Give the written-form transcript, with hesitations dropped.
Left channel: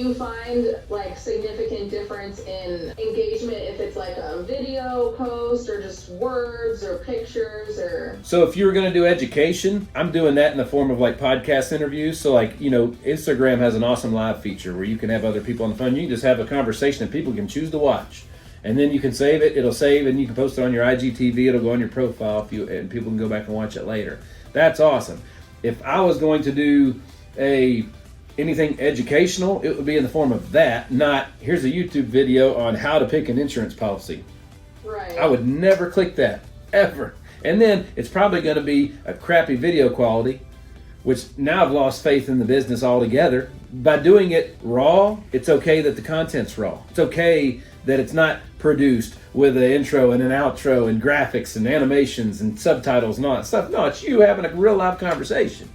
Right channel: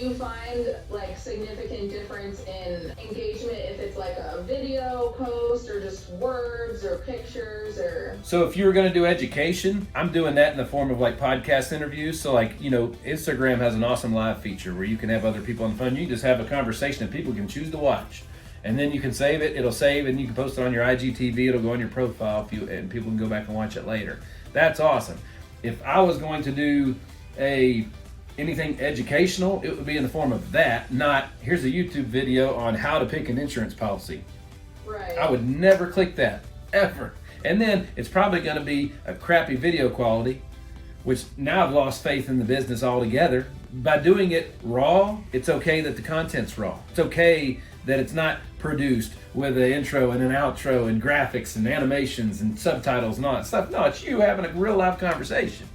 you find like significant difference in engagement if it's like a video post or just words or pictures or? So if you were going to do education, I'm doing that in the form of like podcast interviews. So like, Instagram has an awesome live feature where you can have other people on the phone. You can just have a conversation and people can choose to watch. And then you can save it. It'll save and you can post it on your IGTV. It'll go on your profile and people can go back and watch it later. That's awesome. If I was going to do anything educational, it would be in the form of that, not here's a YouTube video on how to pick an insurance policy. Right. I would never click that, ever. And then it's probably going to be a crappy video quality, which now I've lost faith in the business altogether. By doing it raw, it's okay that the content's raw. It's okay that it's not produced with an intro and an outro and graphics and animations and subtitles and all that stuff. No, it's you having a real live conversation.